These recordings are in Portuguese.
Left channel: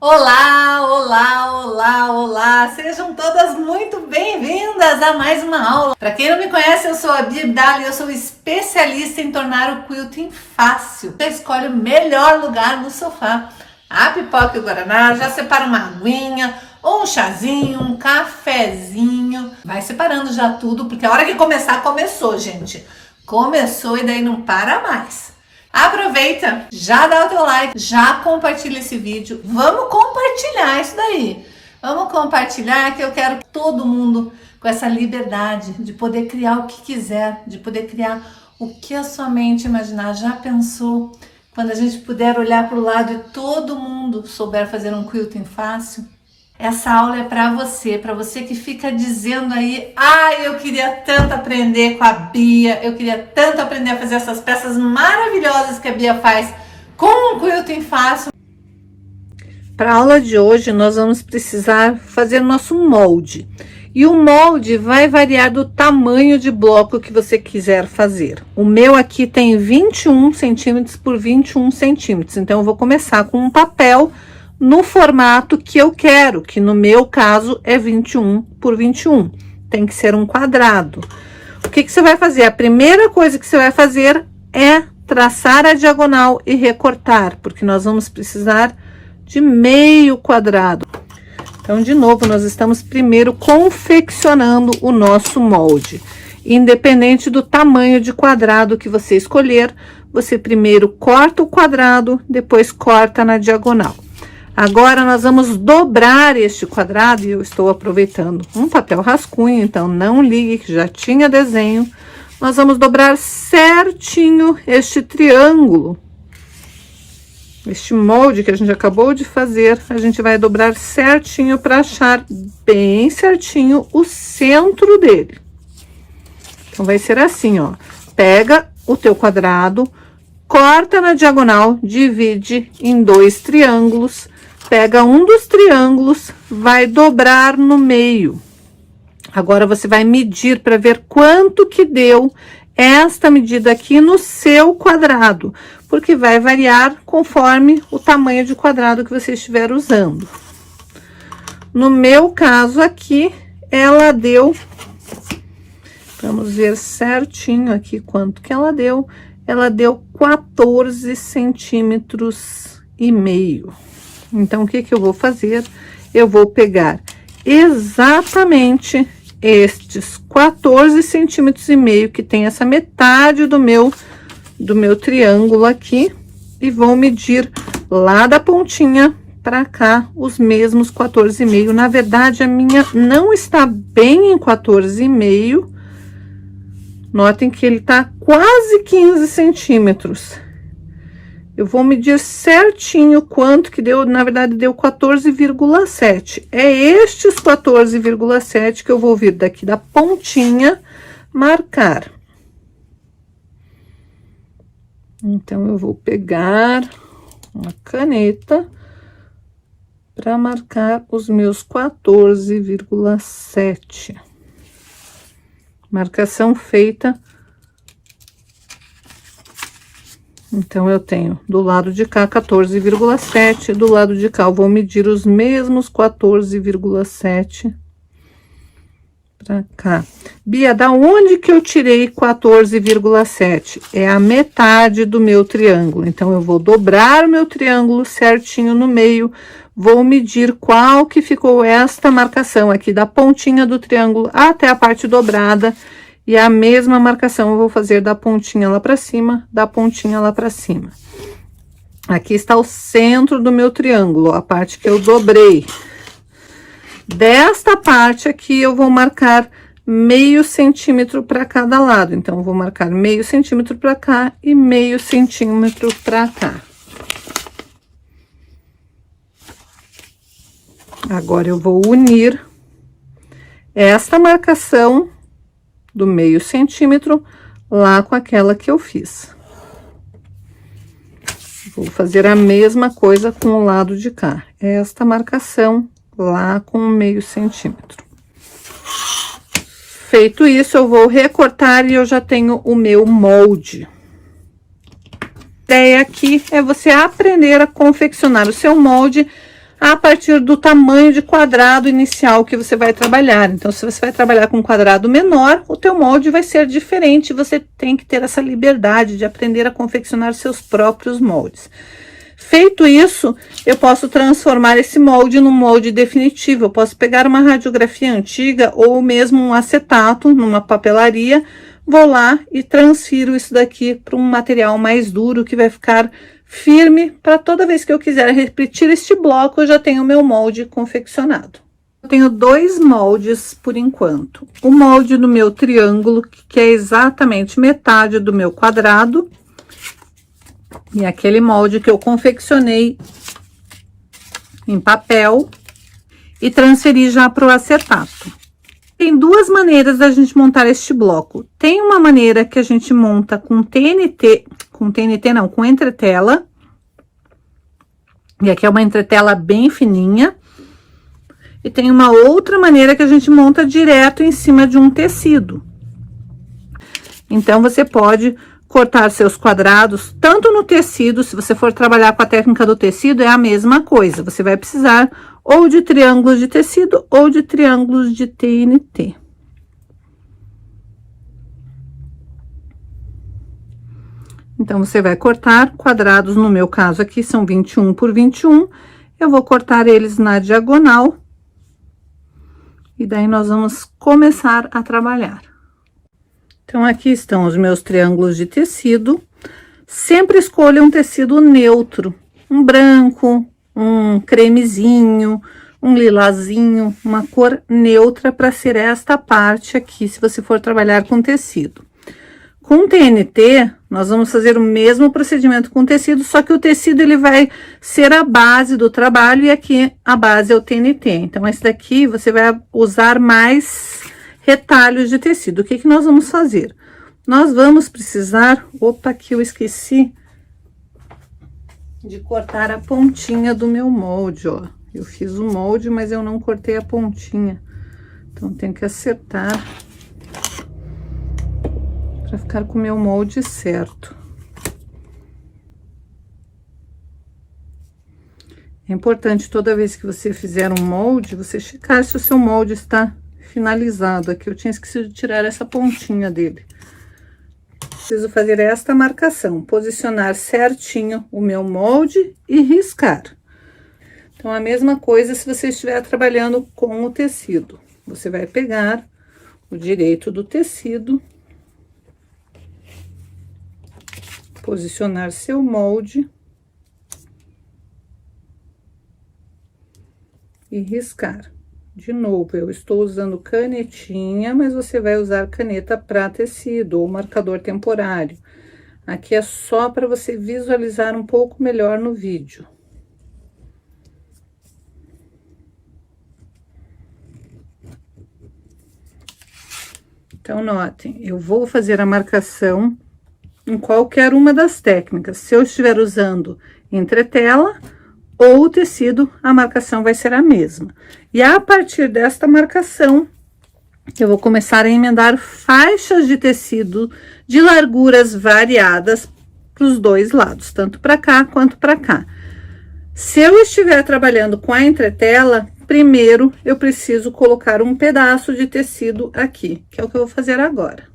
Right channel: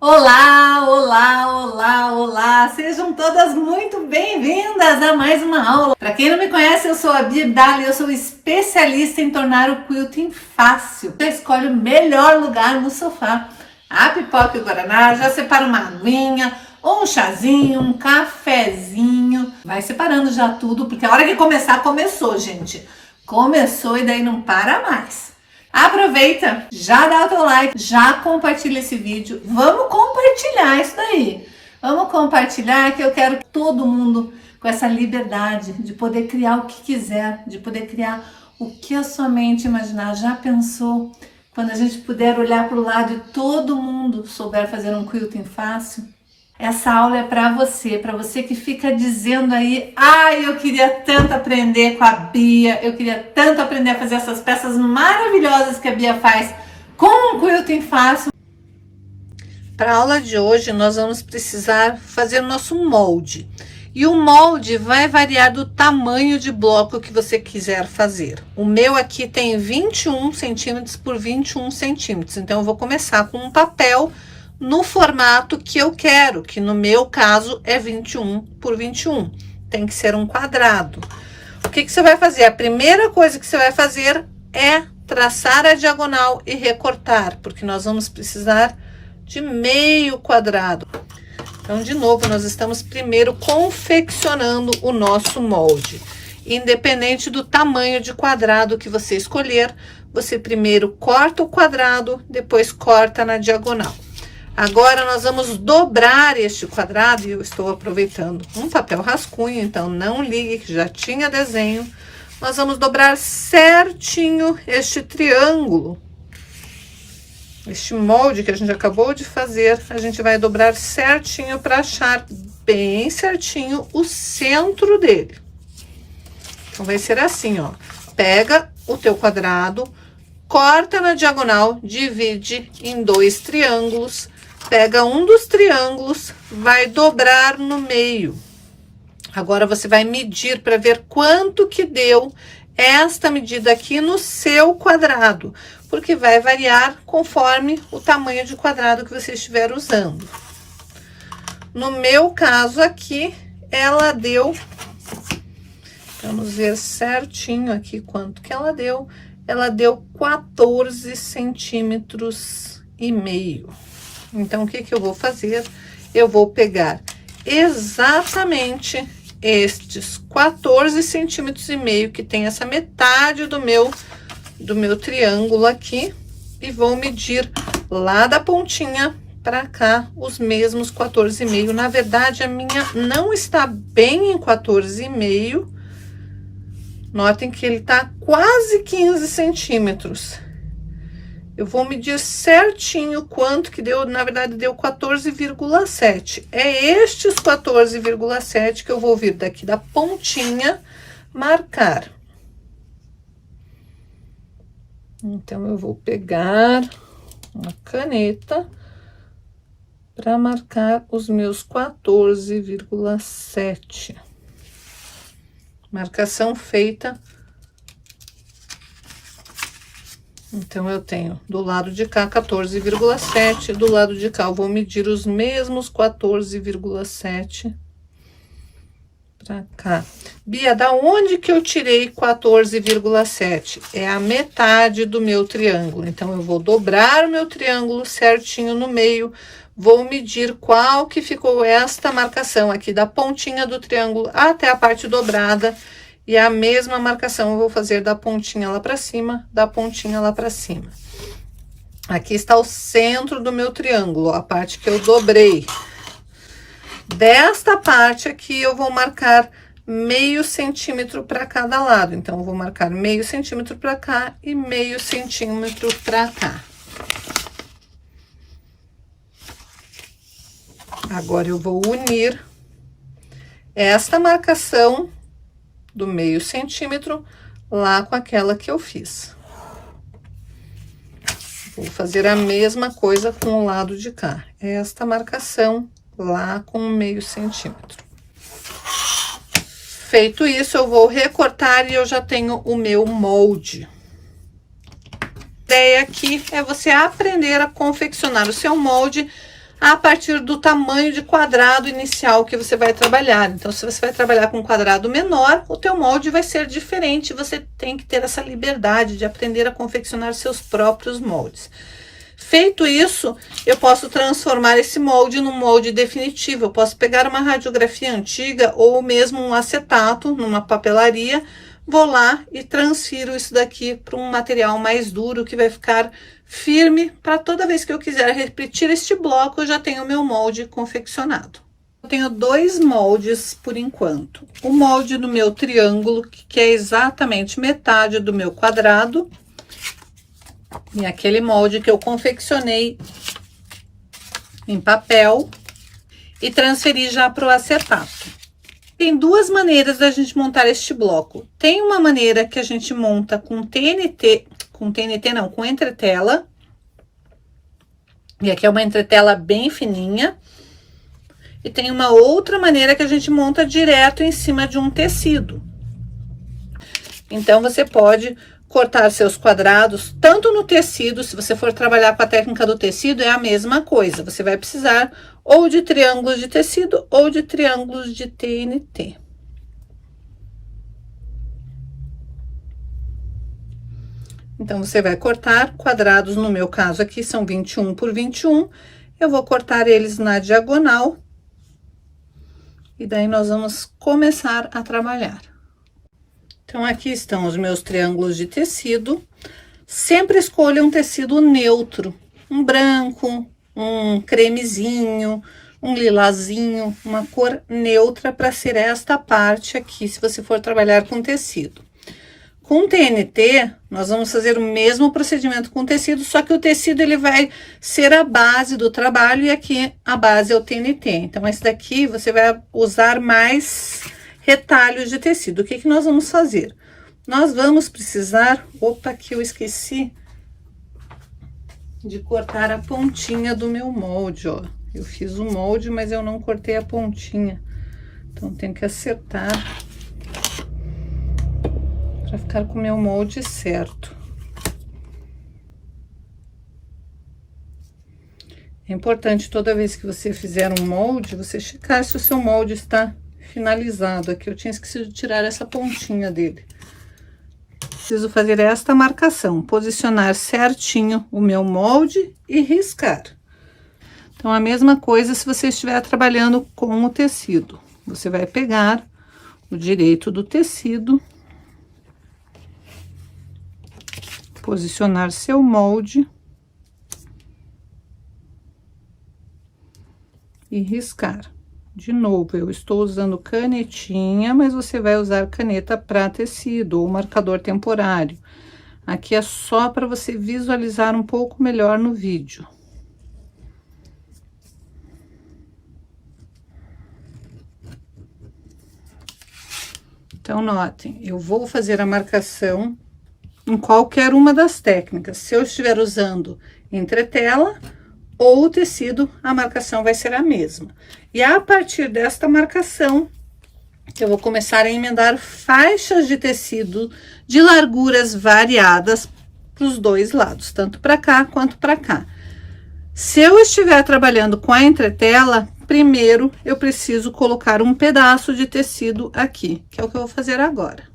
Olá, olá, olá, olá! Sejam todas muito bem-vindas a mais uma aula. Para quem não me conhece, eu sou a Bia Abdala e eu sou especialista em tornar o quilting fácil. Você escolhe o melhor lugar no sofá. A pipoca e o guaraná, já separa uma aguinha, ou um chazinho, um cafezinho. Vai separando já tudo, porque a hora que começar, começou, gente. Começou e daí não para mais. Aproveita, já dá o teu like, já compartilha esse vídeo. Vamos compartilhar isso daí. Vamos compartilhar que eu quero todo mundo com essa liberdade de poder criar o que quiser, de poder criar o que a sua mente imaginar. Já pensou quando a gente puder olhar para o lado e todo mundo souber fazer um quilting fácil? Essa aula é para você que fica dizendo aí, eu queria tanto aprender com a Bia, eu queria tanto aprender a fazer essas peças maravilhosas que a Bia faz com um quilting fácil. Para a aula de hoje, nós vamos precisar fazer nosso molde. E o molde vai variar do tamanho de bloco que você quiser fazer. O meu aqui tem 21 centímetros por 21 centímetros, então eu vou começar com um papel no formato que eu quero, que no meu caso é 21 por 21. Tem que ser um quadrado. O que você vai fazer? A primeira coisa que você vai fazer é traçar a diagonal e recortar, porque nós vamos precisar de meio quadrado. Então, de novo, nós estamos primeiro confeccionando o nosso molde. Independente do tamanho de quadrado que você escolher, você primeiro corta o quadrado, depois corta na diagonal. Agora, nós vamos dobrar este quadrado, e eu estou aproveitando um papel rascunho, então não ligue que já tinha desenho. Nós vamos dobrar certinho este triângulo. Este molde que a gente acabou de fazer, a gente vai dobrar certinho para achar bem certinho o centro dele. Então, vai ser assim, ó. Pega o teu quadrado, corta na diagonal, divide em 2 triângulos. Pega um dos triângulos, vai dobrar no meio. Agora, você vai medir para ver quanto que deu esta medida aqui no seu quadrado, porque vai variar conforme o tamanho de quadrado que você estiver usando. No meu caso aqui, ela deu, vamos ver certinho aqui quanto que ela deu 14 centímetros e meio. Então, o que eu vou fazer? Eu vou pegar exatamente estes 14 centímetros e meio, que tem essa metade do meu triângulo aqui, e vou medir lá da pontinha para cá os mesmos 14,5. Na verdade, a minha não está bem em 14,5. Notem que ele tá quase 15 centímetros. Eu vou medir certinho quanto que deu, na verdade, deu 14,7. É estes 14,7 que eu vou vir daqui da pontinha marcar. Então, eu vou pegar uma caneta para marcar os meus 14,7. Marcação feita. Então, eu tenho do lado de cá 14,7, do lado de cá eu vou medir os mesmos 14,7 para cá. Bia, da onde que eu tirei 14,7? É a metade do meu triângulo. Então, eu vou dobrar o meu triângulo certinho no meio, vou medir qual que ficou esta marcação aqui, da pontinha do triângulo até a parte dobrada. E a mesma marcação eu vou fazer da pontinha lá para cima, da pontinha lá para cima. Aqui está o centro do meu triângulo, a parte que eu dobrei. Desta parte aqui, eu vou marcar meio centímetro para cada lado. Então, eu vou marcar meio centímetro para cá e meio centímetro para cá. Agora, eu vou unir esta marcação do meio centímetro lá com aquela que eu fiz. Vou fazer a mesma coisa com o lado de cá. Esta marcação lá com meio centímetro. Feito isso, eu vou recortar e eu já tenho o meu molde. A ideia aqui é você aprender a confeccionar o seu molde a partir do tamanho de quadrado inicial que você vai trabalhar. Então, se você vai trabalhar com um quadrado menor, o teu molde vai ser diferente, você tem que ter essa liberdade de aprender a confeccionar seus próprios moldes. Feito isso, eu posso transformar esse molde num molde definitivo. Eu posso pegar uma radiografia antiga ou mesmo um acetato numa papelaria, vou lá e transfiro isso daqui para um material mais duro que vai ficar firme, para toda vez que eu quiser repetir este bloco, eu já tenho o meu molde confeccionado. Eu tenho 2 moldes por enquanto. O molde do meu triângulo, que é exatamente metade do meu quadrado, e aquele molde que eu confeccionei em papel e transferi já para o acetato. Tem 2 maneiras da gente montar este bloco. Tem uma maneira que a gente monta com TNT, com entretela. E aqui é uma entretela bem fininha. E tem uma outra maneira que a gente monta direto em cima de um tecido. Então, você pode cortar seus quadrados, tanto no tecido, se você for trabalhar com a técnica do tecido, é a mesma coisa. Você vai precisar ou de triângulos de tecido ou de triângulos de TNT. Então, você vai cortar quadrados, no meu caso aqui são 21 por 21, eu vou cortar eles na diagonal, e daí nós vamos começar a trabalhar. Então, aqui estão os meus triângulos de tecido. Sempre escolha um tecido neutro, um branco, um cremezinho, um lilazinho, uma cor neutra para ser esta parte aqui, se você for trabalhar com tecido. Com TNT, nós vamos fazer o mesmo procedimento com tecido, só que o tecido ele vai ser a base do trabalho e aqui a base é o TNT. Então, esse daqui você vai usar mais retalhos de tecido. O que que nós vamos fazer? Nós vamos precisar... Opa, aqui eu esqueci de cortar a pontinha do meu molde, ó. Eu fiz o molde, mas eu não cortei a pontinha. Então, tenho que acertar para ficar com o meu molde certo. É importante, toda vez que você fizer um molde, você checar se o seu molde está finalizado. Aqui eu tinha esquecido de tirar essa pontinha dele. Preciso fazer esta marcação, posicionar certinho o meu molde e riscar. Então, a mesma coisa se você estiver trabalhando com o tecido. Você vai pegar o direito do tecido, posicionar seu molde e riscar. De novo, eu estou usando canetinha, mas você vai usar caneta para tecido ou marcador temporário. Aqui é só para você visualizar um pouco melhor no vídeo. Então, notem, eu vou fazer a marcação em qualquer uma das técnicas. Se eu estiver usando entretela ou o tecido, a marcação vai ser a mesma. E a partir desta marcação, eu vou começar a emendar faixas de tecido de larguras variadas para os 2 lados, tanto para cá quanto para cá. Se eu estiver trabalhando com a entretela, primeiro eu preciso colocar um pedaço de tecido aqui, que é o que eu vou fazer agora.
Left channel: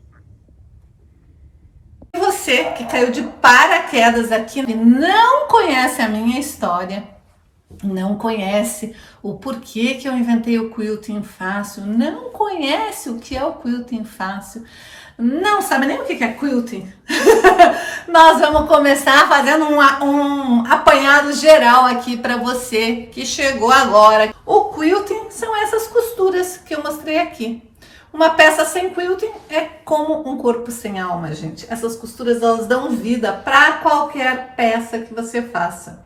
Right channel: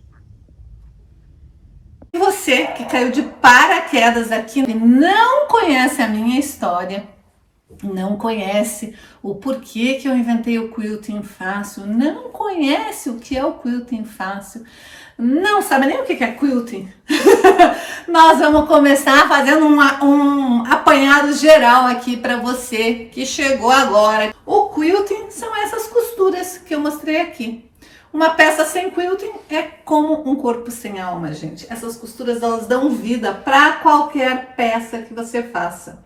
Você que caiu de paraquedas aqui e não conhece a minha história, não conhece o porquê que eu inventei o quilting fácil, não conhece o que é o quilting fácil, não sabe nem o que é quilting, nós vamos começar fazendo um apanhado geral aqui para você que chegou agora. O quilting são essas costuras que eu mostrei aqui. Uma peça sem quilting é como um corpo sem alma, gente. Essas costuras, elas dão vida para qualquer peça que você faça.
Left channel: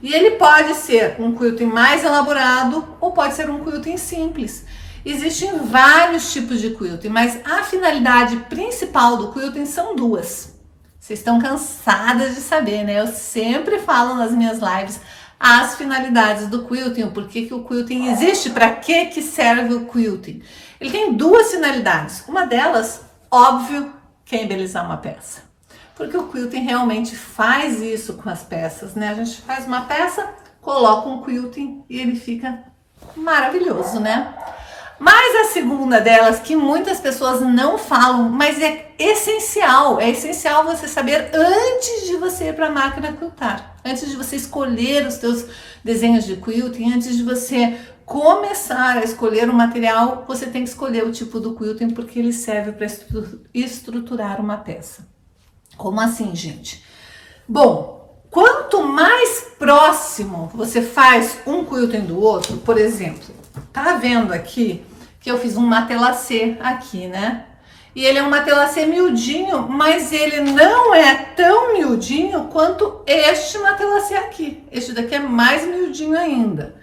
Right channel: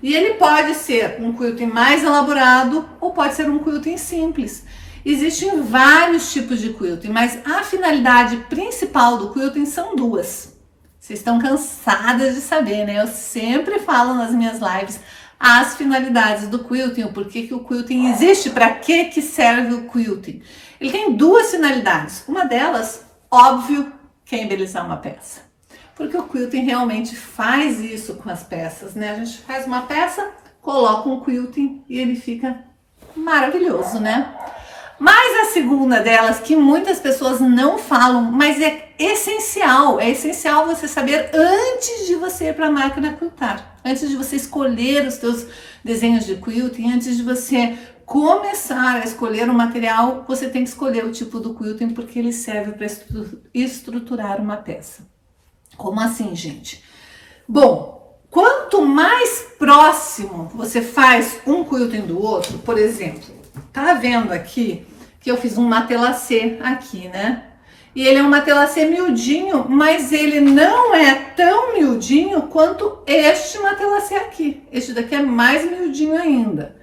E ele pode ser um quilting mais elaborado ou pode ser um quilting simples. Existem vários tipos de quilting, mas a finalidade principal do quilting são 2. Vocês estão cansadas de saber, né? Eu sempre falo nas minhas lives as finalidades do quilting, o porquê que o quilting existe, para que serve o quilting. Ele tem 2 finalidades. Uma delas, óbvio, que é embelezar uma peça. Porque o quilting realmente faz isso com as peças, né? A gente faz uma peça coloco um quilting e ele fica maravilhoso, né? Mas a segunda delas, que muitas pessoas não falam, mas é essencial você saber antes de você ir para a máquina quiltar, antes de você escolher os teus desenhos de quilting, antes de você começar a escolher o material, você tem que escolher o tipo do quilting, porque ele serve para estruturar uma peça. Como assim, gente? Bom, quanto mais próximo você faz um quilting do outro, por exemplo, tá vendo aqui que eu fiz um matelassé aqui, né? E ele é um matelassé miudinho, mas ele não é tão miudinho quanto este matelassé aqui. Este daqui é mais miudinho ainda.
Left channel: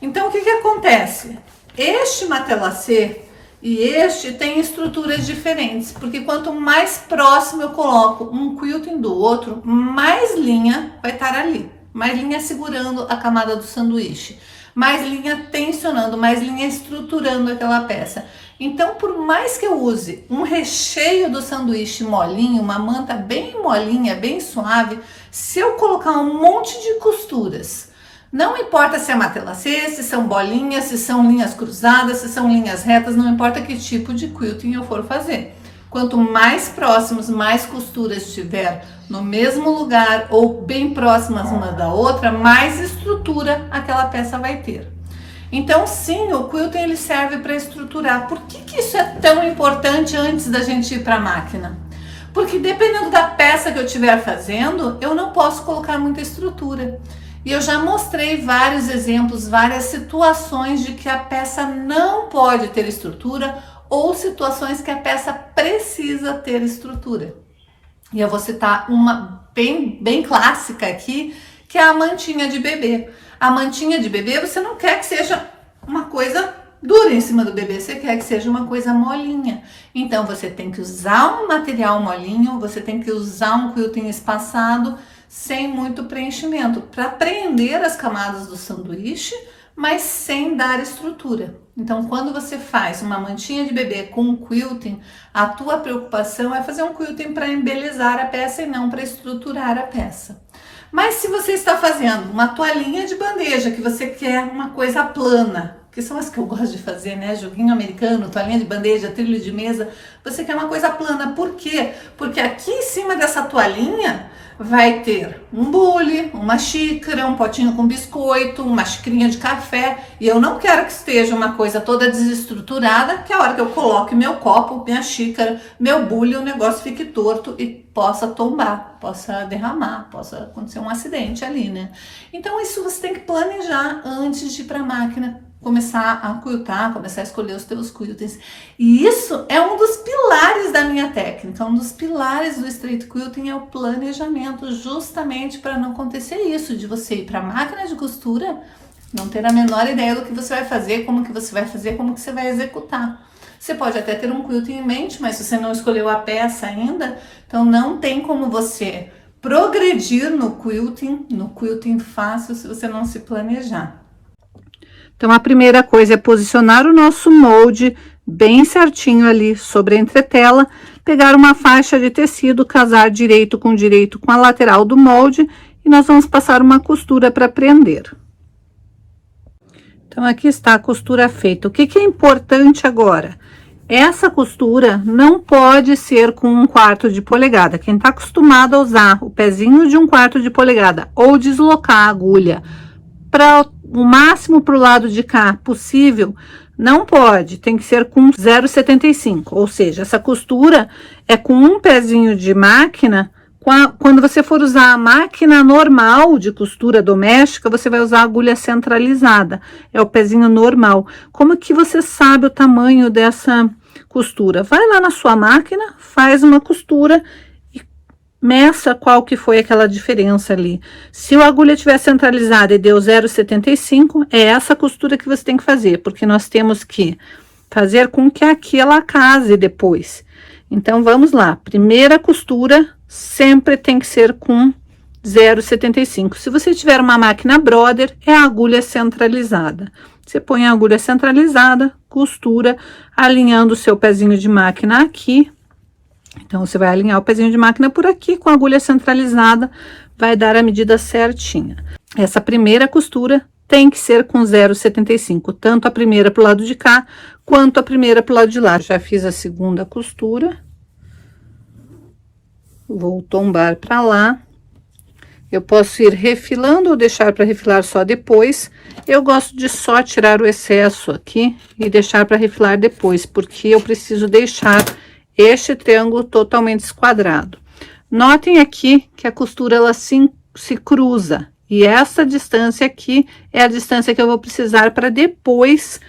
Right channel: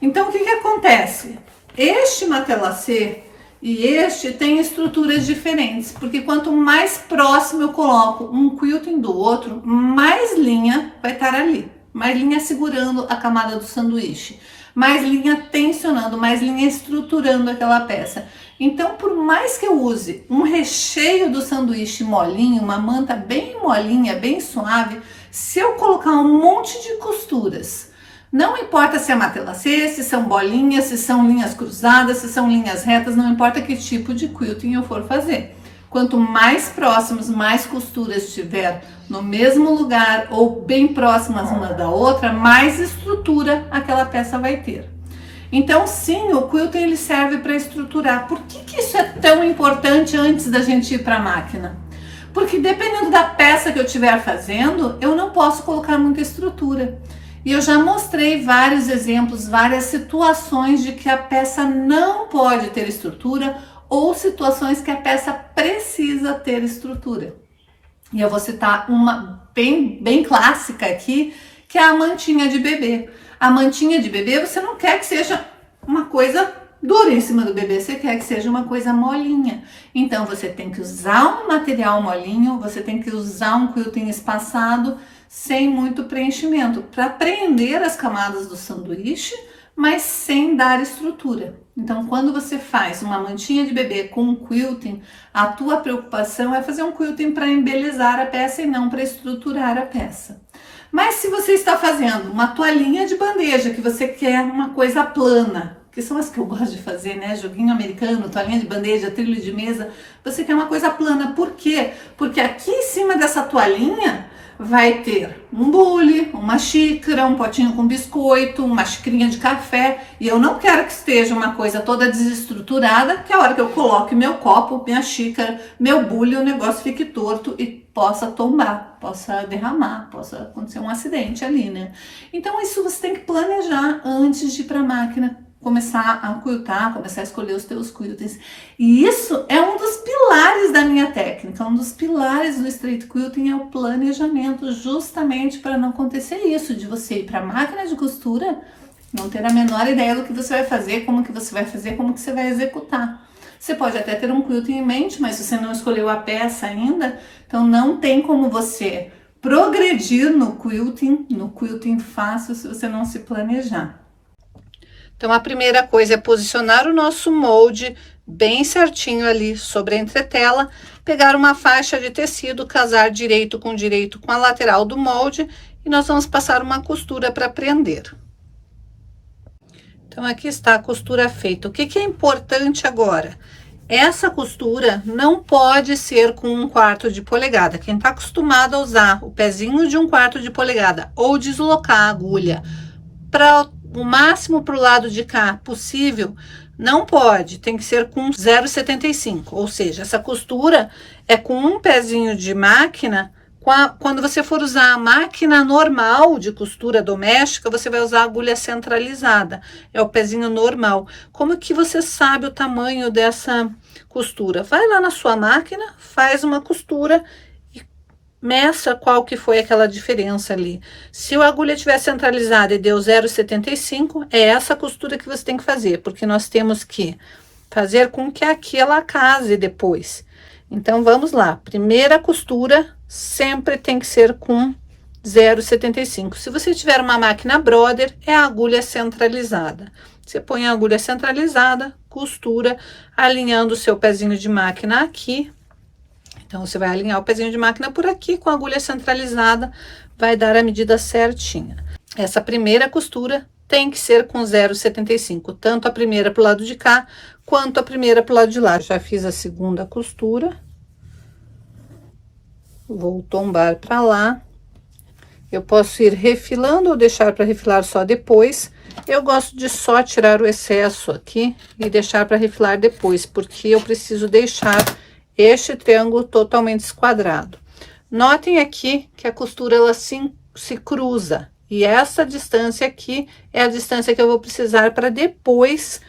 Então, o que acontece? Este matelassé e este tem estruturas diferentes, porque quanto mais próximo eu coloco um quilting do outro, mais linha vai estar ali. Mais linha segurando a camada do sanduíche, mais linha tensionando, mais linha estruturando aquela peça. Então, por mais que eu use um recheio do sanduíche molinho, uma manta bem molinha, bem suave, se eu colocar um monte de costuras, não importa se é matelassé, se são bolinhas, se são linhas cruzadas, se são linhas retas, não importa que tipo de quilting eu for fazer. Quanto mais próximos, mais costuras tiver no mesmo lugar ou bem próximas uma da outra, mais estrutura aquela peça vai ter. Então, sim, o quilting ele serve para estruturar. Por que isso é tão importante antes da gente ir para a máquina? Porque dependendo da peça que eu estiver fazendo, eu não posso colocar muita estrutura. E eu já mostrei vários exemplos, várias situações de que a peça não pode ter estrutura ou situações que a peça precisa ter estrutura. E eu vou citar uma bem clássica aqui, que é a mantinha de bebê. A mantinha de bebê, você não quer que seja uma coisa dura em cima do bebê, você quer que seja uma coisa molinha. Então, você tem que usar um material molinho, você tem que usar um quilting espaçado, sem muito preenchimento, para prender as camadas do sanduíche, mas sem dar estrutura. Então, quando você faz uma mantinha de bebê com um quilting, a tua preocupação é fazer um quilting para embelezar a peça e não para estruturar a peça. Mas se você está fazendo uma toalhinha de bandeja, que você quer uma coisa plana, que são as que eu gosto de fazer, né? Joguinho americano, toalhinha de bandeja, trilho de mesa, você quer uma coisa plana. Por quê? Porque aqui em cima dessa toalhinha vai ter um bule, uma xícara, um potinho com biscoito, uma xicrinha de café, e eu não quero que esteja uma coisa toda desestruturada, que a hora que eu coloque meu copo, minha xícara, meu bule, o negócio fique torto e possa tombar, possa derramar, possa acontecer um acidente ali, né? Então isso você tem que planejar antes de ir para a máquina, começar a quiltar, começar a escolher os teus quiltings. E isso é um dos pilares da minha técnica, um dos pilares do straight quilting é o planejamento, justamente para não acontecer isso, de você ir para a máquina de costura, não ter a menor ideia do que você vai fazer, como que você vai fazer, como que você vai executar. Você pode até ter um quilting em mente, mas você não escolheu a peça ainda, então não tem como você progredir no quilting fácil, se você não se planejar. Então, a primeira coisa é posicionar o nosso molde bem certinho ali sobre a entretela, pegar uma faixa de tecido, casar direito com a lateral do molde e nós vamos passar uma costura para prender. Então, aqui está a costura feita. O que é importante agora? Essa costura não pode ser com 1/4 de polegada. Quem está acostumado a usar o pezinho de 1/4 de polegada ou deslocar a agulha para o máximo para o lado de cá possível, não pode, tem que ser com 0,75, ou seja, essa costura é com um pezinho de máquina. Quando você for usar a máquina normal de costura doméstica, você vai usar a agulha centralizada, é o pezinho normal. Como que você sabe o tamanho dessa costura? Vai lá na sua máquina, faz uma costura e meça qual que foi aquela diferença ali. Se a agulha estiver centralizada e deu 0,75, é essa costura que você tem que fazer, porque nós temos que fazer com que aqui ela case depois. Então, vamos lá. Primeira costura sempre tem que ser com 0,75. Se você tiver uma máquina Brother, é a agulha centralizada. Você põe a agulha centralizada, costura, alinhando o seu pezinho de máquina aqui. Então, você vai alinhar o pezinho de máquina por aqui com a agulha centralizada, vai dar a medida certinha. essa primeira costura tem que ser com 0,75, tanto a primeira pro lado de cá, quanto a primeira pro lado de lá. Já fiz a segunda costura. Vou tombar para lá. Eu posso ir refilando ou deixar para refilar só depois. Eu gosto de só tirar o excesso aqui e deixar para refilar depois, porque eu preciso deixar este triângulo totalmente esquadrado. Notem aqui que a costura ela se cruza, e essa distância aqui é a distância que eu vou precisar para depois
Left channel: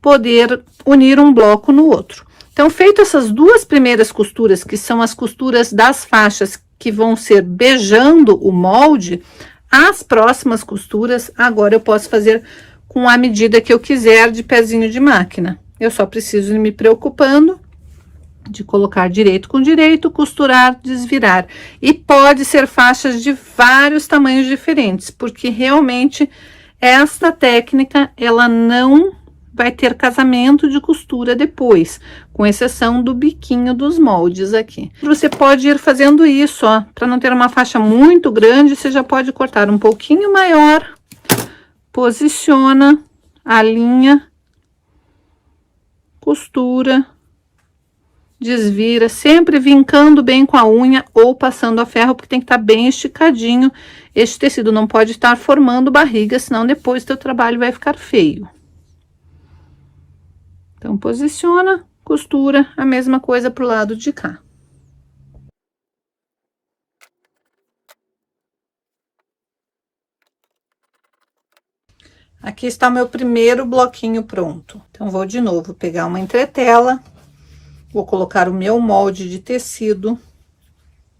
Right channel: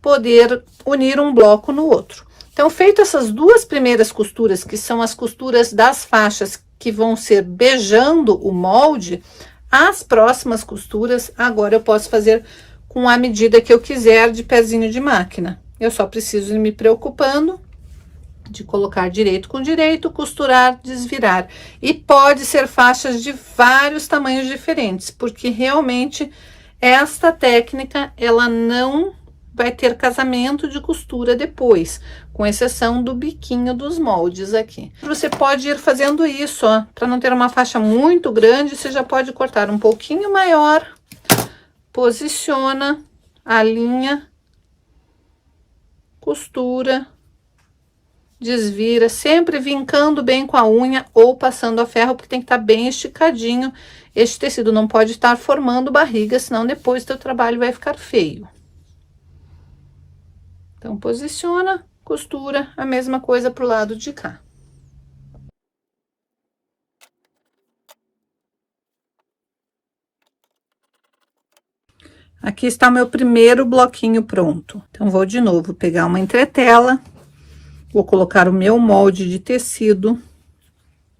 poder unir um bloco no outro. Então, feito essas duas primeiras costuras, que são as costuras das faixas que vão ser beijando o molde, as próximas costuras, agora eu posso fazer com a medida que eu quiser de pezinho de máquina. Eu só preciso ir me preocupando de colocar direito com direito, costurar, desvirar. E pode ser faixas de vários tamanhos diferentes, porque realmente esta técnica, ela não vai ter casamento de costura depois, com exceção do biquinho dos moldes aqui. Você pode ir fazendo isso, ó, para não ter uma faixa muito grande, você já pode cortar um pouquinho maior, posiciona, alinha, costura, desvira, sempre vincando bem com a unha ou passando a ferro, porque tem que estar bem esticadinho. Este tecido não pode estar formando barriga, senão depois o teu trabalho vai ficar feio. Então, posiciona, costura, a mesma coisa pro lado de cá. Aqui está o meu primeiro bloquinho pronto. Então, vou de novo pegar uma entretela, vou colocar o meu molde de tecido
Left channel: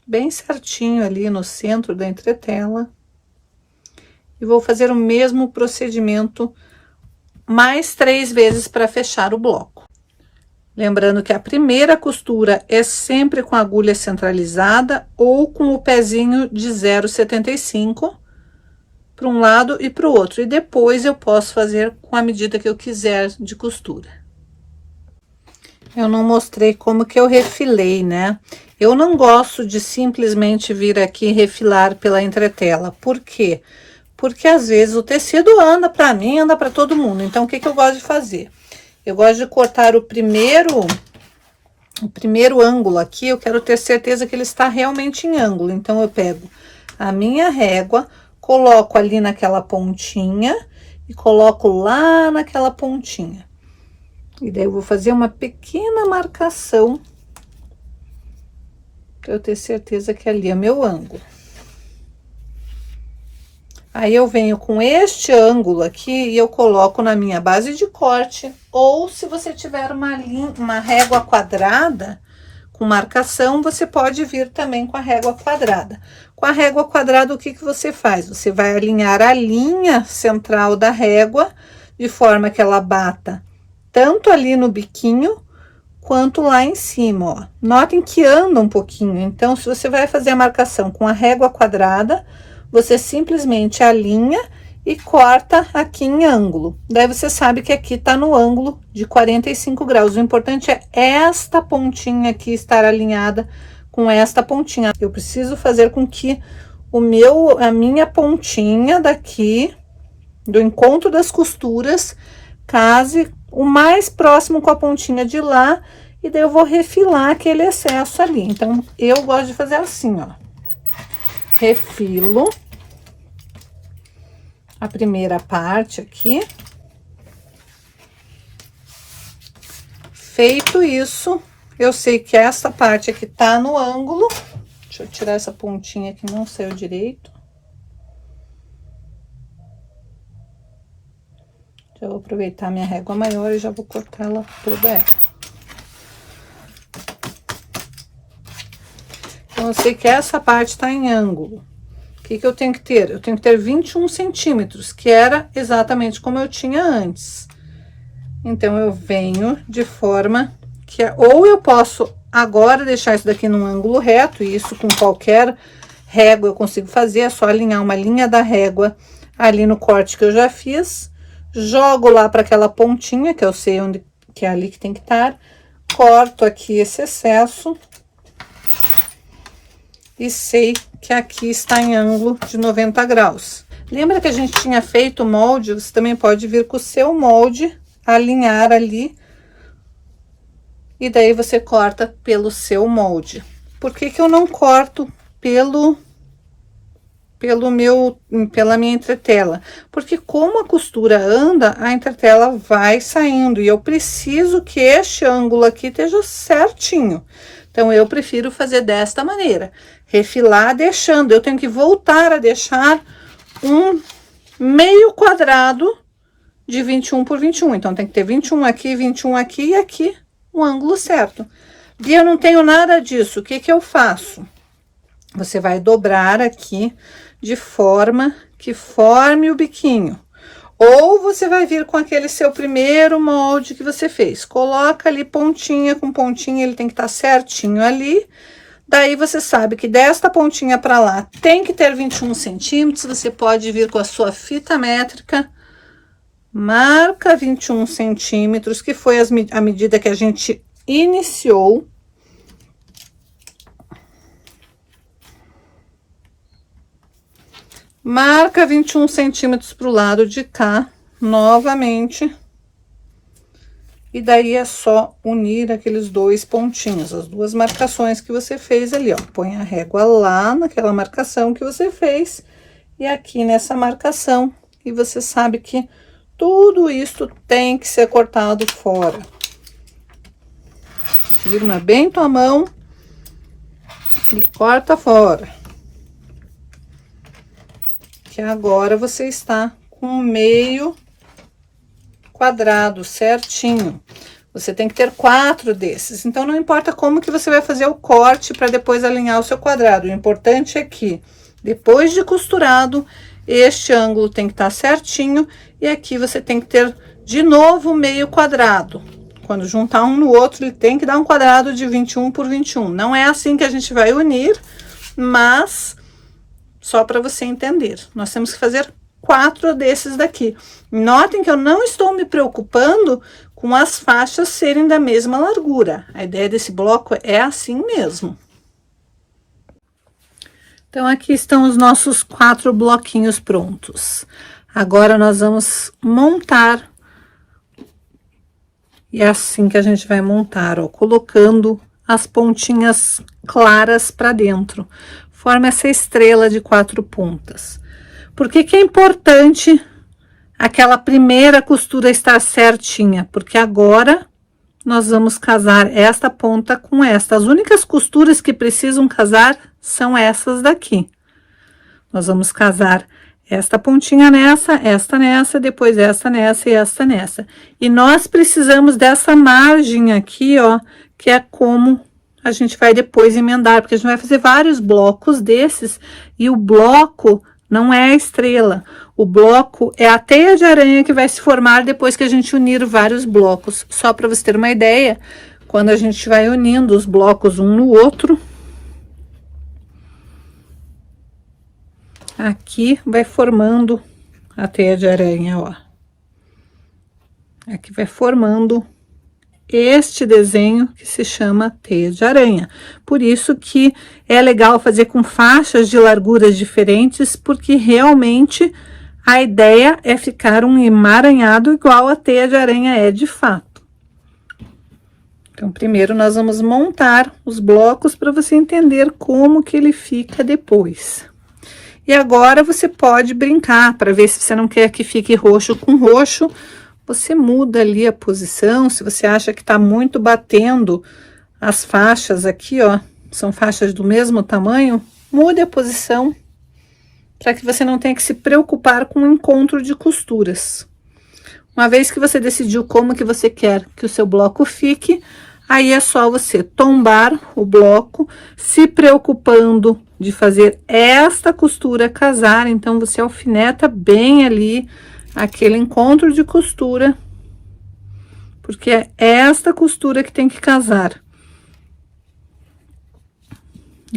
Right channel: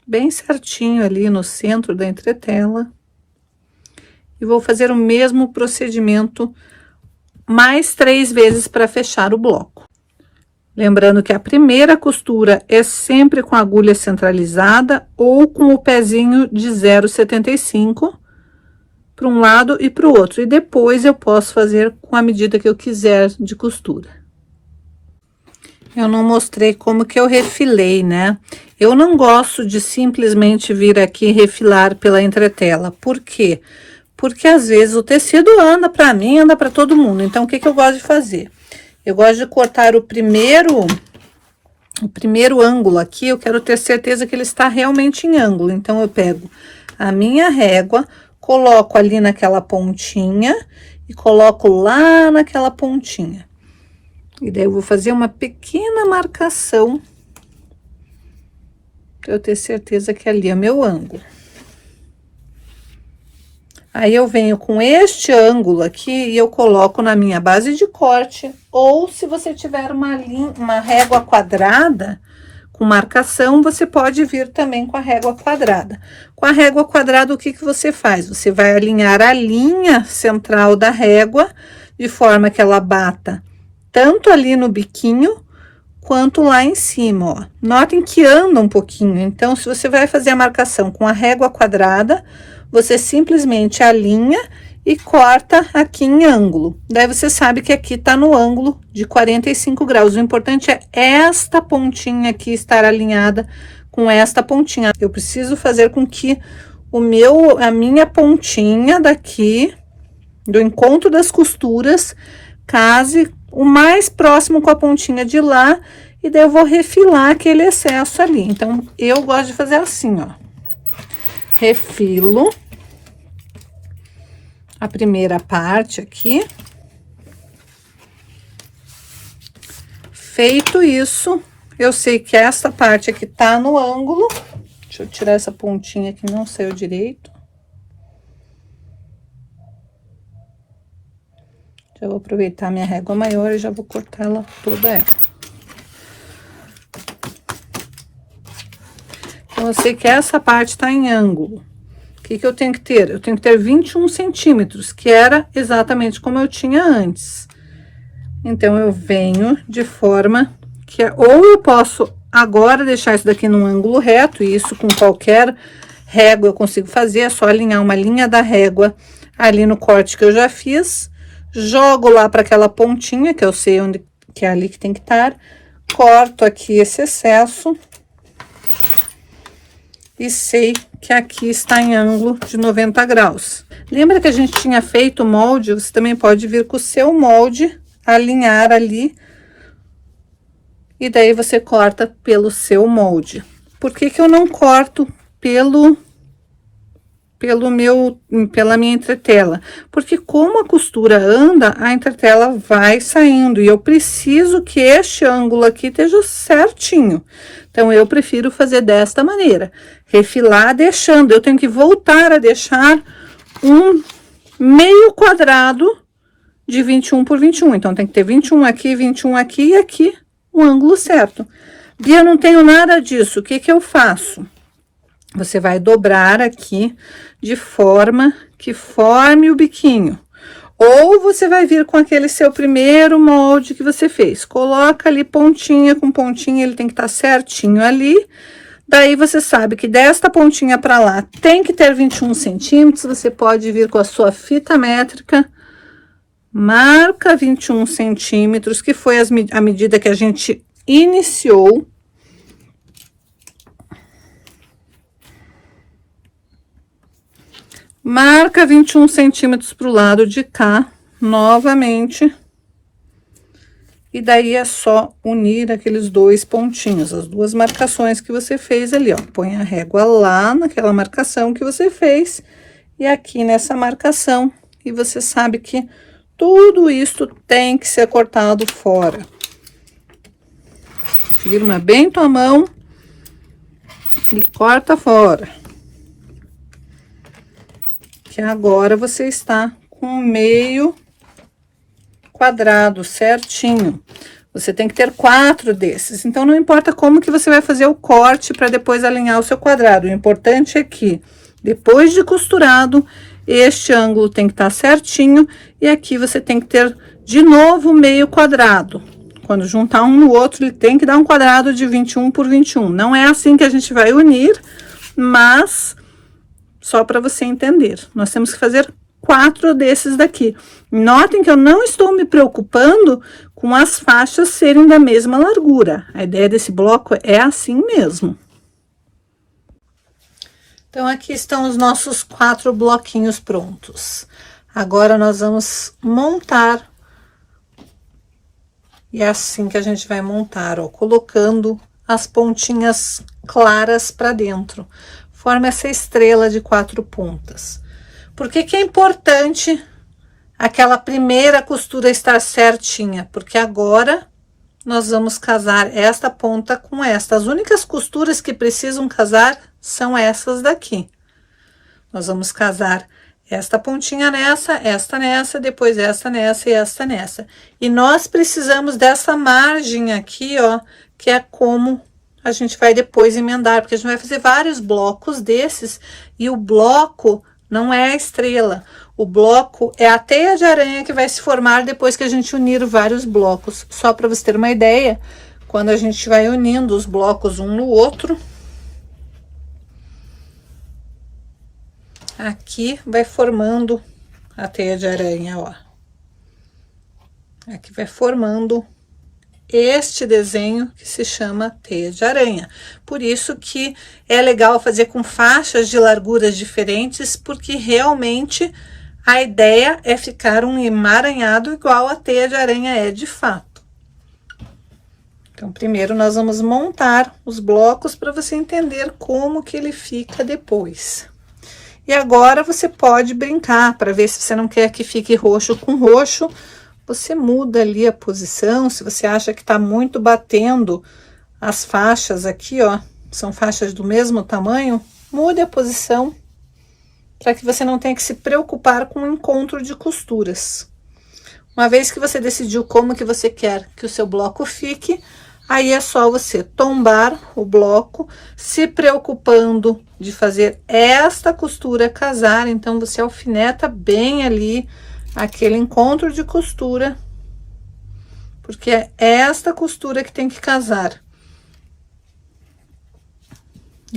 bem certinho ali no centro da entretela. E vou fazer o mesmo procedimento mais 3 vezes para fechar o bloco. Lembrando que a primeira costura é sempre com a agulha centralizada ou com o pezinho de 0,75 para um lado e para o outro. E depois eu posso fazer com a medida que eu quiser de costura. Eu não mostrei como que eu refilei, né? Eu não gosto de simplesmente vir aqui e refilar pela entretela. Por quê? Porque às vezes o tecido anda para mim, anda para todo mundo. Então, o que que eu gosto de fazer? Eu gosto de cortar o primeiro ângulo aqui, eu quero ter certeza que ele está realmente em ângulo. Então, eu pego a minha régua, coloco ali naquela pontinha e coloco lá naquela pontinha. E daí, eu vou fazer uma pequena marcação para eu ter certeza que ali é meu ângulo. Aí, eu venho com este ângulo aqui e eu coloco na minha base de corte, ou se você tiver uma régua quadrada com marcação, você pode vir também com a régua quadrada. Com a régua quadrada, o que que você faz? Você vai alinhar a linha central da régua, de forma que ela bata tanto ali no biquinho, quanto lá em cima, ó. Notem que anda um pouquinho, então, se você vai fazer a marcação com a régua quadrada, você simplesmente alinha e corta aqui em ângulo. Daí, você sabe que aqui tá no ângulo de 45 graus. O importante é esta pontinha aqui estar alinhada com esta pontinha. Eu preciso fazer com que a minha pontinha daqui, do encontro das costuras, case o mais próximo com a pontinha de lá, e daí eu vou refilar aquele excesso ali. Então, eu gosto de fazer assim, ó. Refilo a primeira parte aqui. Feito isso, eu sei que essa parte aqui tá no ângulo. Deixa eu tirar essa pontinha que não saiu direito. Já vou aproveitar minha régua maior e já vou cortar ela toda ela. Então, eu sei que essa parte tá em ângulo. O que que eu tenho que ter? Eu tenho que ter 21 centímetros, que era exatamente como eu tinha antes. Então, eu venho de forma que... Ou eu posso agora deixar isso daqui num ângulo reto, e isso com qualquer régua eu consigo fazer. É só alinhar uma linha da régua ali no corte que eu já fiz. Jogo lá para aquela pontinha, que eu sei onde que é ali que tem que estar. Corto aqui esse excesso. E sei que aqui está em ângulo de 90 graus. Lembra que a gente tinha feito o molde? Você também pode vir com o seu molde, alinhar ali. E daí você corta pelo seu molde. Por que que eu não corto pela minha entretela? Porque como a costura anda, a entretela vai saindo. E eu preciso que este ângulo aqui esteja certinho. Então, eu prefiro fazer desta maneira. Refilar deixando. Eu tenho que voltar a deixar um meio quadrado de 21 por 21. Então, tem que ter 21 aqui e aqui o ângulo certo. E eu não tenho nada disso. O que que eu faço? Você vai dobrar aqui de forma que forme o biquinho. Ou você vai vir com aquele seu primeiro molde que você fez. Coloca ali pontinha com pontinha, ele tem que estar certinho ali. Daí, você sabe que desta pontinha para lá tem que ter 21 centímetros. Você pode vir com a sua fita métrica. Marca 21 centímetros, que foi a medida que a gente iniciou. Marca 21 centímetros pro lado de cá, novamente. E daí é só unir aqueles dois pontinhos, as duas marcações que você fez ali, ó. Põe a régua lá naquela marcação que você fez e aqui nessa marcação. E você sabe que tudo isso tem que ser cortado fora. Firma bem tua mão e corta fora. Que agora você está com meio quadrado certinho. Você tem que ter 4 desses. Então, não importa como que você vai fazer o corte para depois alinhar o seu quadrado. O importante é que, depois de costurado, este ângulo tem que estar certinho. E aqui você tem que ter, de novo, meio quadrado. Quando juntar um no outro, ele tem que dar um quadrado de 21 por 21. Não é assim que a gente vai unir, mas só para você entender. Nós temos que fazer 4 desses daqui. Notem que eu não estou me preocupando com as faixas serem da mesma largura. A ideia desse bloco é assim mesmo. Então, aqui estão os nossos 4 bloquinhos prontos. Agora, nós vamos montar. E é assim que a gente vai montar, ó, colocando as pontinhas claras para dentro. Forma essa estrela de 4 pontas. Por que que é importante aquela primeira costura estar certinha? Porque agora nós vamos casar esta ponta com esta. As únicas costuras que precisam casar são essas daqui. Nós vamos casar esta pontinha nessa, esta nessa, depois esta nessa e esta nessa. E nós precisamos dessa margem aqui, ó, que é como a gente vai depois emendar, porque a gente vai fazer vários blocos desses, e o bloco não é a estrela, o bloco é a teia de aranha que vai se formar depois que a gente unir vários blocos. Só para você ter uma ideia, quando a gente vai unindo os blocos um no outro, aqui vai formando a teia de aranha, ó. Aqui vai formando este desenho que se chama teia de aranha. Por isso que é legal fazer com faixas de larguras diferentes, porque realmente a ideia é ficar um emaranhado igual a teia de aranha é de fato. Então, primeiro nós vamos montar os blocos para você entender como que ele fica depois. E agora você pode brincar para ver se você não quer que fique roxo com roxo. Você muda ali a posição, se você acha que tá muito batendo as faixas aqui, ó, são faixas do mesmo tamanho, mude a posição, para que você não tenha que se preocupar com o encontro de costuras. Uma vez que você decidiu como que você quer que o seu bloco fique, aí é só você tombar o bloco, se preocupando de fazer esta costura casar, então você alfineta bem ali aquele encontro de costura, porque é esta costura que tem que casar.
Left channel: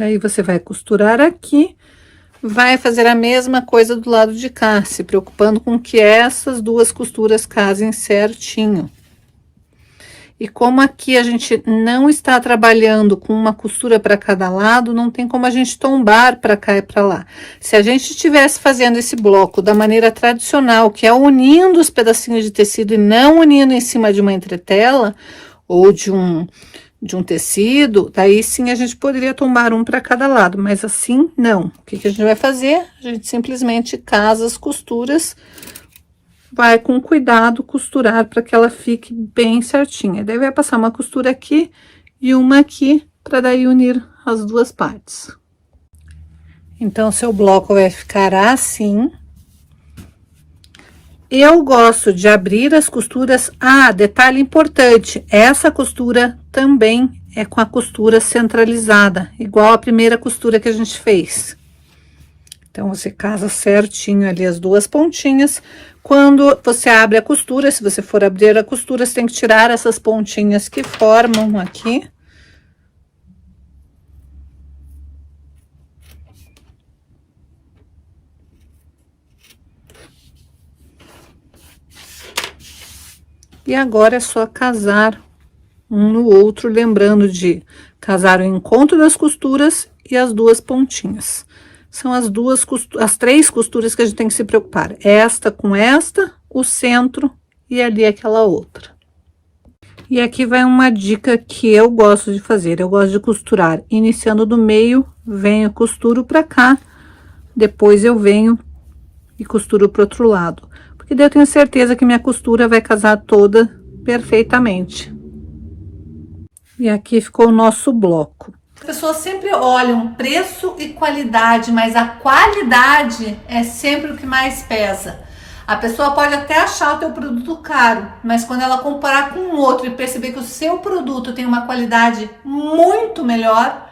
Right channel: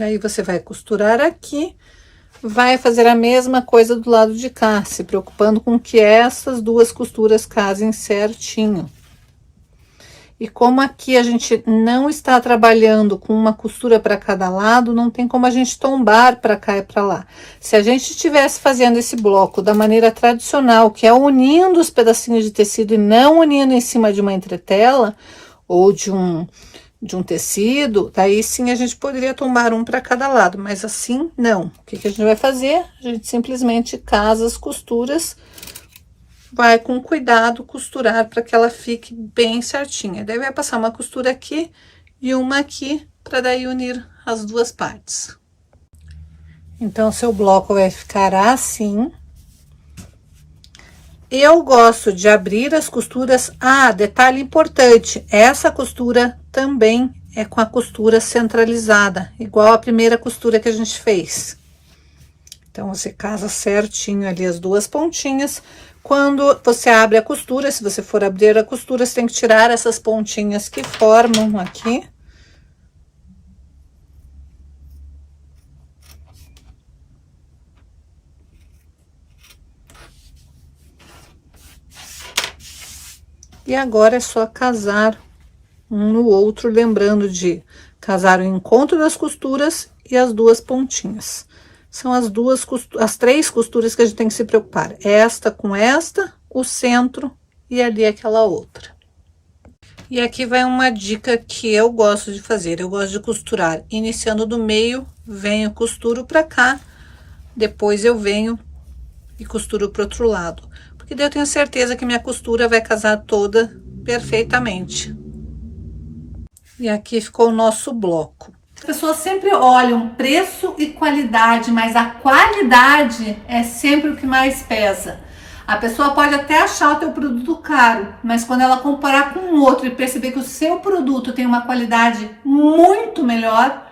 Aí você vai costurar aqui, vai fazer a mesma coisa do lado de cá, se preocupando com que essas duas costuras casem certinho. E como aqui a gente não está trabalhando com uma costura para cada lado, não tem como a gente tombar para cá e para lá. Se a gente estivesse fazendo esse bloco da maneira tradicional, que é unindo os pedacinhos de tecido e não unindo em cima de uma entretela ou de um tecido, daí sim a gente poderia tomar um para cada lado, mas assim não. O que a gente vai fazer? A gente simplesmente casa as costuras, vai com cuidado costurar para que ela fique bem certinha. Daí vai passar uma costura aqui e uma aqui, para daí unir as duas partes. Então, seu bloco vai ficar assim. Eu gosto de abrir as costuras. Ah, detalhe importante, essa costura também é com a costura centralizada, igual a primeira costura que a gente fez. Então, você casa certinho ali as duas pontinhas. Quando você abre a costura, se você for abrir a costura, você tem que tirar essas pontinhas que formam aqui. E agora é só casar um no outro, lembrando de casar o encontro das costuras e as duas pontinhas. São as três costuras que a gente tem que se preocupar. Esta com esta, o centro e ali aquela outra. E aqui vai uma dica que eu gosto de fazer. Eu gosto de costurar iniciando do meio, venho, costuro pra cá, depois eu venho e costuro pro outro lado. Porque daí eu tenho certeza que minha costura vai casar toda perfeitamente. E aqui ficou o nosso bloco. As pessoas sempre olham preço e qualidade, mas a qualidade é sempre o que mais pesa. A pessoa pode até achar o teu produto caro, mas quando ela comparar com o outro e perceber que o seu produto tem uma qualidade muito melhor,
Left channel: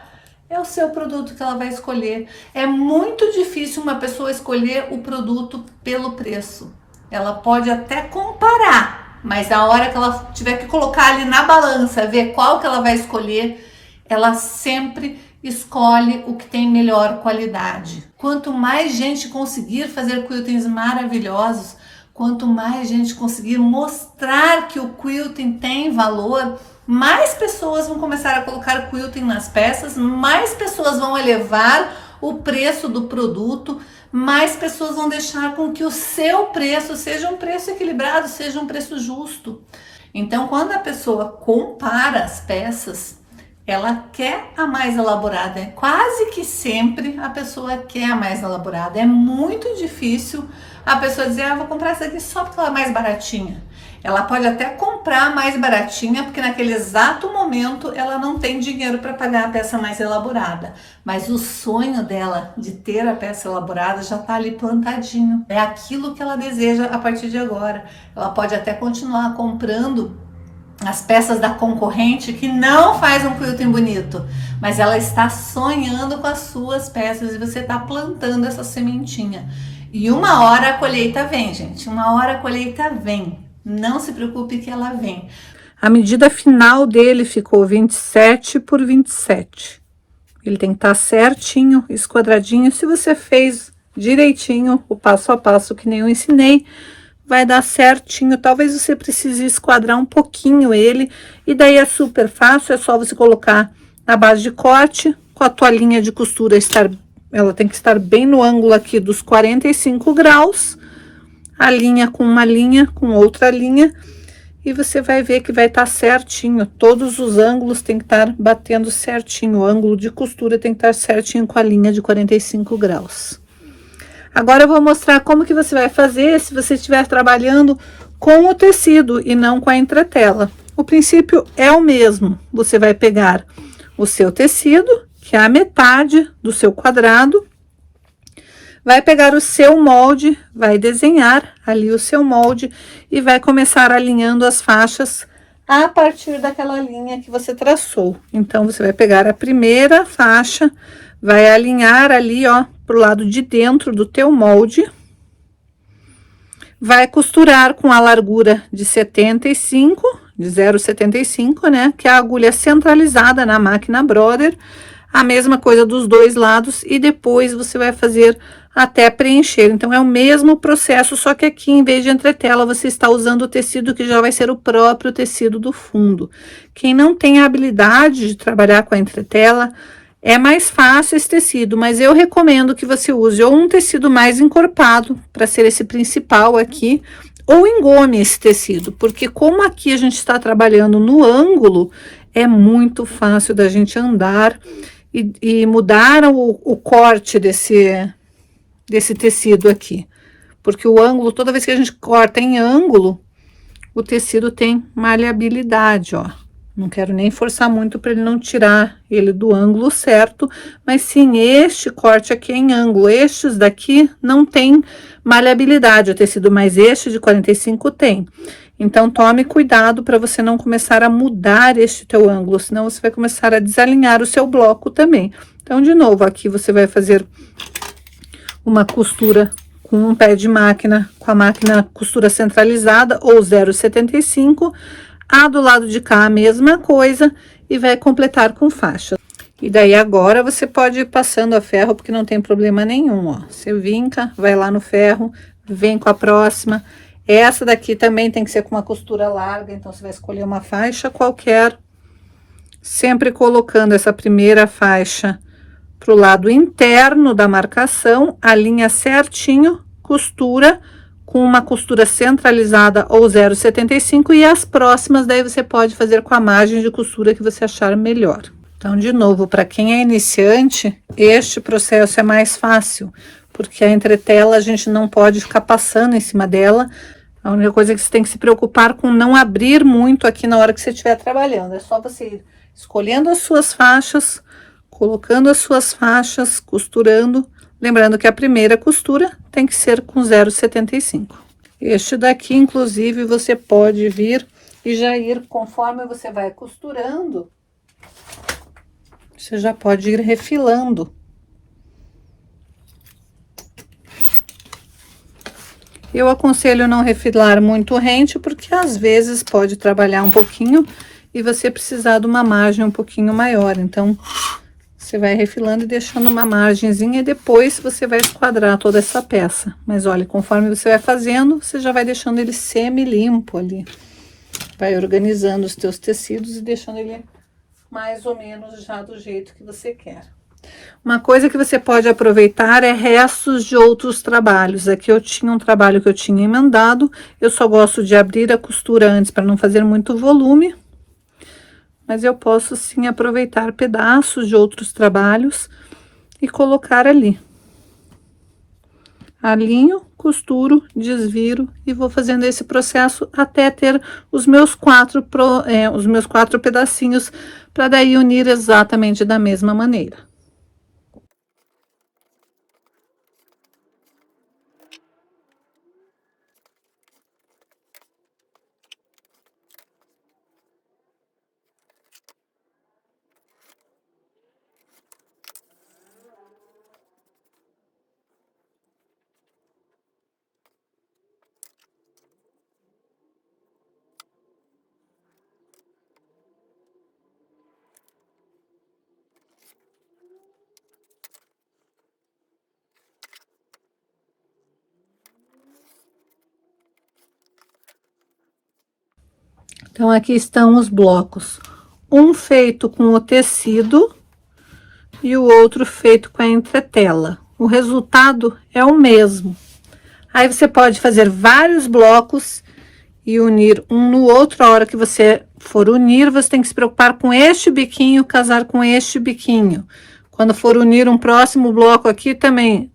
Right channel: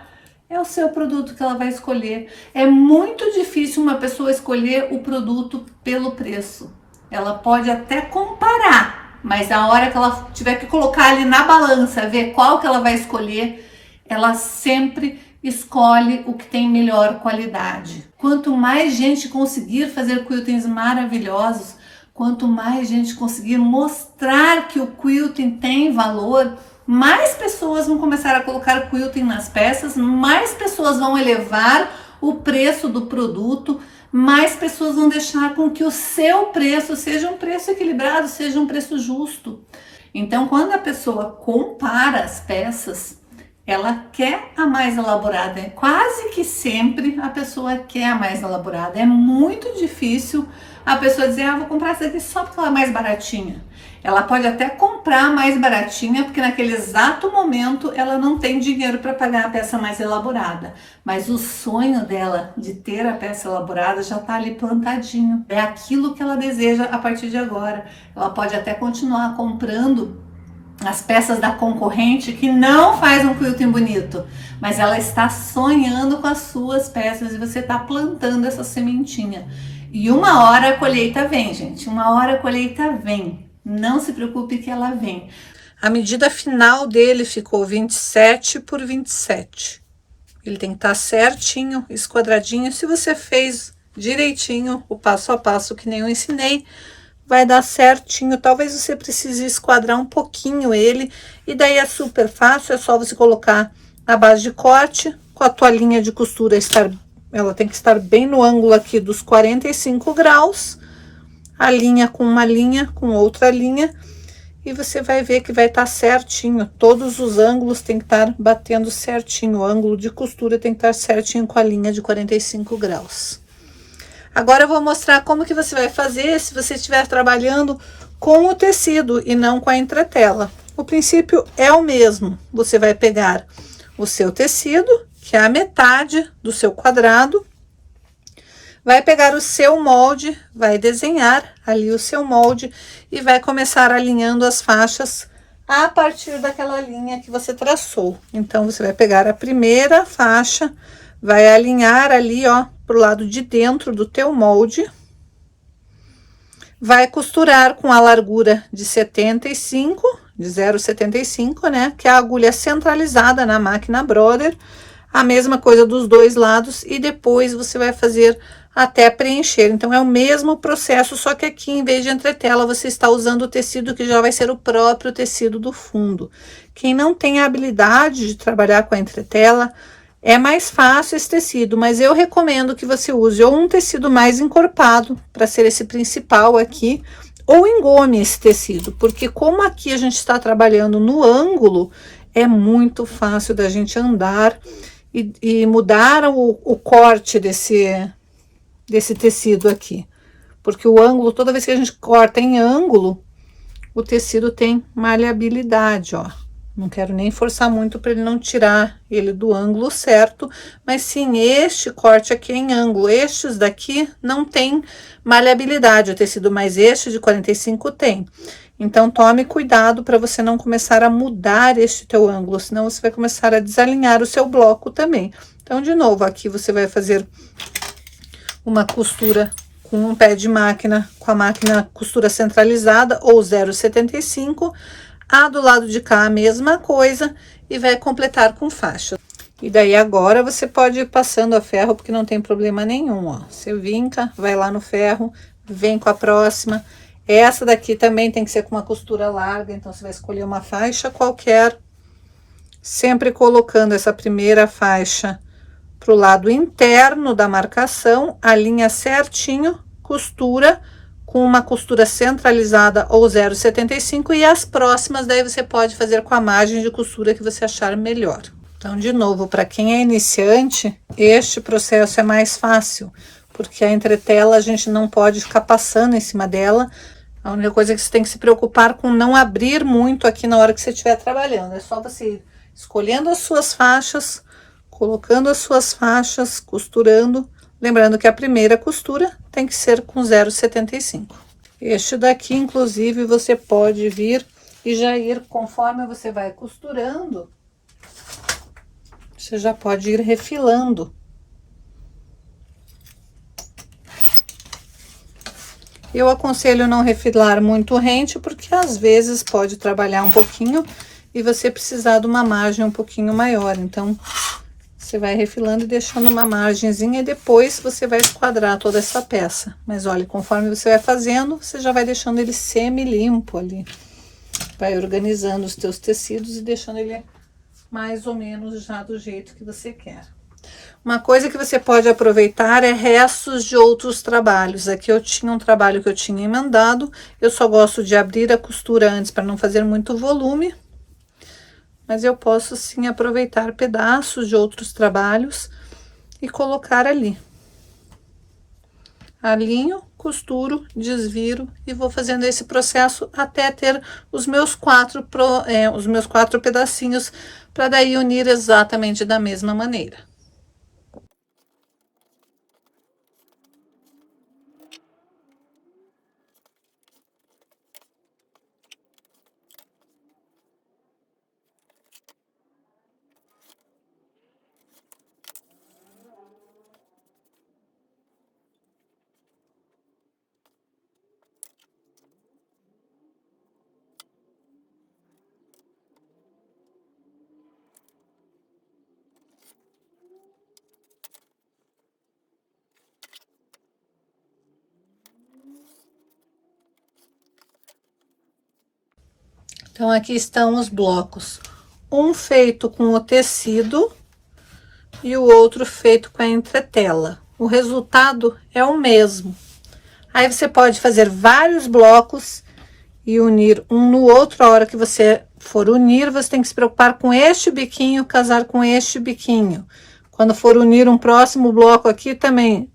é o seu produto que ela vai escolher. É muito difícil uma pessoa escolher o produto pelo preço. Ela pode até comparar, mas a hora que ela tiver que colocar ali na balança, ver qual que ela vai escolher, ela sempre escolhe o que tem melhor qualidade. Quanto mais gente conseguir fazer quiltings maravilhosos, quanto mais gente conseguir mostrar que o quilting tem valor, mais pessoas vão começar a colocar quilting nas peças, mais pessoas vão elevar o preço do produto, mais pessoas vão deixar com que o seu preço seja um preço equilibrado, seja um preço justo. Então, quando a pessoa compara as peças, ela quer a mais elaborada. Quase que sempre a pessoa quer a mais elaborada. É muito difícil a pessoa dizer, ah, vou comprar essa aqui só porque ela é mais baratinha. Ela pode até comprar mais baratinha, porque naquele exato momento ela não tem dinheiro para pagar a peça mais elaborada. Mas o sonho dela de ter a peça elaborada já está ali plantadinho. É aquilo que ela deseja a partir de agora. Ela pode até continuar comprando as peças da concorrente que não faz um quilting bonito, mas ela está sonhando com as suas peças e você está plantando essa sementinha. E uma hora a colheita vem, gente. Uma hora a colheita vem. Não se preocupe que ela vem. A medida final dele ficou 27 por 27. Ele tem que estar certinho, esquadradinho. Se você fez direitinho o passo a passo que nem eu ensinei, vai dar certinho. Talvez você precise esquadrar um pouquinho ele, e daí é super fácil, é só você colocar a base de corte, com a toalhinha de costura ela tem que estar bem no ângulo aqui dos 45 graus, a linha com uma linha, com outra linha, e você vai ver que vai estar certinho, todos os ângulos tem que estar batendo certinho, o ângulo de costura tem que estar certinho com a linha de 45 graus. Agora eu vou mostrar como que você vai fazer se você estiver trabalhando com o tecido e não com a entretela. O princípio é o mesmo. Você vai pegar o seu tecido, que é a metade do seu quadrado, vai pegar o seu molde, vai desenhar ali o seu molde e vai começar alinhando as faixas a partir daquela linha que você traçou. Então, você vai pegar a primeira faixa, vai alinhar ali, ó, pro lado de dentro do teu molde. Vai costurar com a largura de 75, de 0,75, né? Que é a agulha centralizada na máquina Brother. a mesma coisa dos dois lados e depois você vai fazer até preencher. Então, é o mesmo processo, só que aqui, em vez de entretela, você está usando o tecido que já vai ser o próprio tecido do fundo. Quem não tem a habilidade de trabalhar com a entretela, é mais fácil esse tecido, mas eu recomendo que você use ou um tecido mais encorpado, para ser esse principal aqui, ou engome esse tecido, porque como aqui a gente está trabalhando no ângulo, é muito fácil da gente andar e mudar o corte desse tecido aqui. Porque o ângulo, toda vez que a gente corta em ângulo, o tecido tem maleabilidade, ó. Não quero nem forçar muito para ele não tirar ele do ângulo certo, mas sim, este corte aqui é em ângulo. Estes daqui não tem maleabilidade, o tecido mais este de 45 tem. Então, tome cuidado para você não começar a mudar este teu ângulo, senão você vai começar a desalinhar o seu bloco também. Então, de novo, aqui você vai fazer uma costura com um pé de máquina, com a máquina costura centralizada ou 0,75. A do lado de cá a mesma coisa e vai completar com faixa. E daí agora você pode ir passando a ferro, porque não tem problema nenhum, ó. Você vinca, vai lá no ferro, vem com a próxima. Essa daqui também tem que ser com uma costura larga, então você vai escolher uma faixa qualquer, sempre colocando essa primeira faixa pro lado interno da marcação, alinha certinho, costura com uma costura centralizada ou 0,75 e as próximas daí você pode fazer com a margem de costura que você achar melhor. Então, de novo, para quem é iniciante, este processo é mais fácil, porque a entretela a gente não pode ficar passando em cima dela. A única coisa é que você tem que se preocupar com não abrir muito aqui na hora que você estiver trabalhando. É só você ir escolhendo as suas faixas, colocando as suas faixas, costurando. Lembrando que a primeira costura tem que ser com 0,75. Este daqui, inclusive, você pode vir e já ir, conforme você vai costurando, você já pode ir refilando. Eu aconselho não refilar muito rente, porque às vezes pode trabalhar um pouquinho e você precisar de uma margem um pouquinho maior. Então, você vai refilando e deixando uma margenzinha e depois você vai esquadrar toda essa peça. Mas olha, conforme você vai fazendo, você já vai deixando ele semi-limpo ali. Vai organizando os teus tecidos e deixando ele mais ou menos já do jeito que você quer. Uma coisa que você pode aproveitar é restos de outros trabalhos. Aqui eu tinha um trabalho que eu tinha emendado, eu só gosto de abrir a costura antes para não fazer muito volume. Mas eu posso sim aproveitar pedaços de outros trabalhos e colocar ali. Alinho, costuro, desviro e vou fazendo esse processo até ter os meus quatro pedacinhos, para daí unir exatamente da mesma maneira. Então, aqui estão os blocos. Um feito com o tecido e o outro feito com a entretela. O resultado é o mesmo. Aí, você pode fazer vários blocos e unir um no outro. A hora que você for unir, você tem que se preocupar com este biquinho, casar com este biquinho. Quando for unir um próximo bloco aqui, também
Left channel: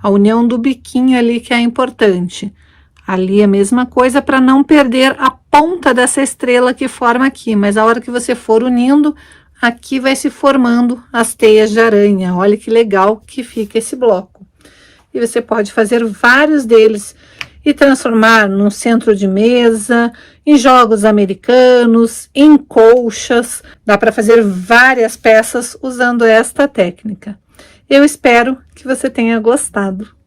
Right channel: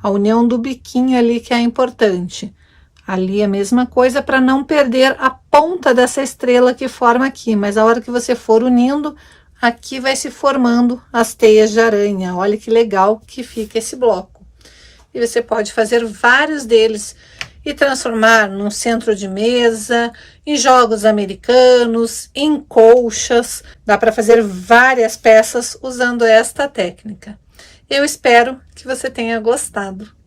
a união do biquinho ali que é importante. Ali é a mesma coisa, para não perder a ponta dessa estrela que forma aqui. Mas a hora que você for unindo, aqui vai se formando as teias de aranha. Olha que legal que fica esse bloco. E você pode fazer vários deles e transformar num centro de mesa, em jogos americanos, em colchas. Dá para fazer várias peças usando esta técnica. Eu espero que você tenha gostado.